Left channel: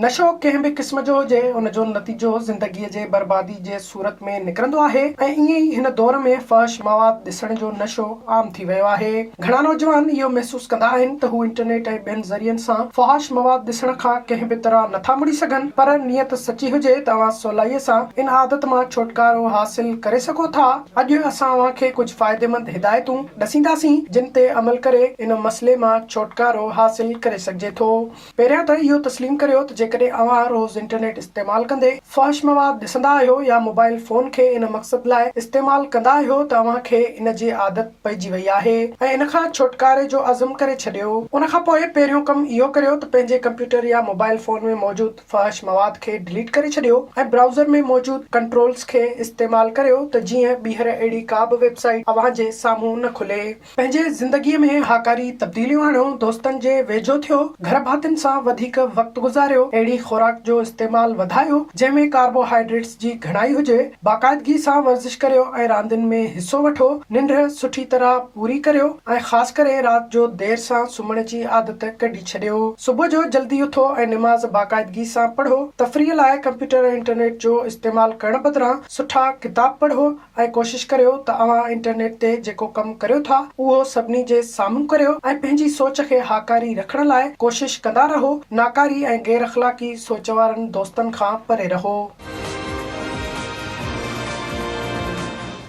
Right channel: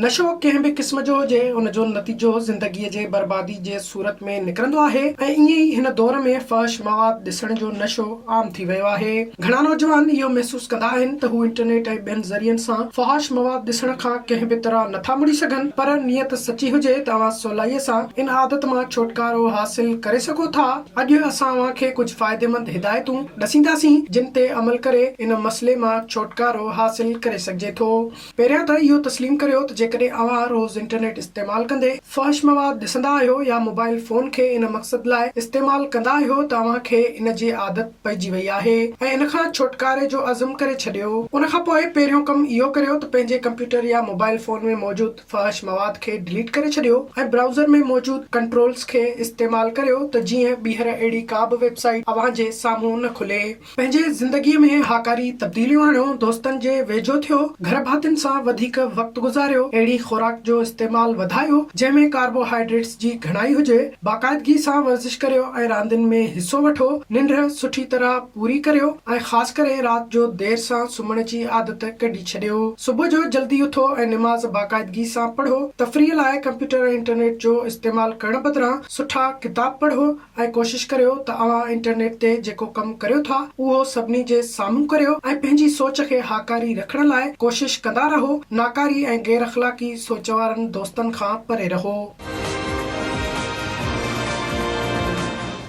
नशो कंहिं बि क़िस्म जो हुजे उनजो नतीजो ज़िंदगीअ जे बर्बादी जे सूरत में निकिरंदो आहे ऐं ईअं ई हिन दौर में फहश मवाद ॾिसण जो नशो आम थी वियो आहे। घणा नौजवान इहो महसूस कंदा आहिनि त हू इंटरनेट ऐं ॿियनि ज़रियनि सां फहश मवाद ॾिसण खां कंहिं बि तरह नथा मुड़ी सघनि, पर नियत सची हुजे त तव्हां सवलाईअ सां इन आदत मां छुटकारो हासिल करे सघो था। अॼु असां अव्हांखे कुझु फ़ाइदेमंद हिदायतूं ॾसींदासीं जिन ते अमल करे इन मसइले मां छुटकारो हासिल करे सघिजे थो। पहिरियां त इहो तस्लीम करियो त जेकॾहिं अव्हां रोज़ इंटरनेट इस्तेमाल कंदे फहश मवाद ॾिसंदा आहियो या मोबाइल फोन खे इन मक़सद लाइ इस्तेमाल कंदा आहियो त अव्हांखे इन जी आदत पइजी वई आहे ऐं इन खां छुटकारे जो अज़म करे छॾियो। उन खां पोइ पहिरियों कमु इहो करियो त पंहिंजे कंप्यूटर या मोबाइल फोन में मौजूद फहश मवाद खे डिलीट करे छॾियो ऐं ब्राउज़र में मौजूद कंट्रोल्स खे इस्तेमाल करियो त जीअं ॿीहर अहिड़ी का बि वेबसाइट अव्हांजे साम्हूं न खुले। पंहिंजे ज़िंदगीअ में हाकारी तब्दीलियूं आणियो, दोस्तनि जे वेझो थियो, घर भातियुनि सां वधीक वक़्तु गुज़ारियो, अहिड़ी खुराक जो इस्तेमाल वधायो जंहिंमें कार्बोहाइड्रेट्स जी घणाई हुजे, बाक़ाइदगी सां वर्जिश करियो ऐं रांदियुनि में हिस्सो वठो, निंड सुठी तरह पूरी करियो ऐं ख़ासि करे राति जो देर सां सुम्हण जी आदत कढी छॾियो। सुबुह जो जल्दी उथो ऐं निमाज़ बाक़ाइदगी सां पढ़ो। तफ़रीह लाइ कंप्यूटर ऐं इंटरनेट जो इस्तेमाल करण बदिरां सुठा किताब पढ़ो ऐं कोशिश करियो त अव्हां इंटरनेट ते जेको कमु करियो था उहो सभिनी जे साम्हूं करियो ऐं पंहिंजी सोच खे हाकारी रखण लाइ कोशिश कंदा रहो। नाकारी ऐं गैर अख़लाक़ी सोच वारनि दोस्तनि खां परे रहो।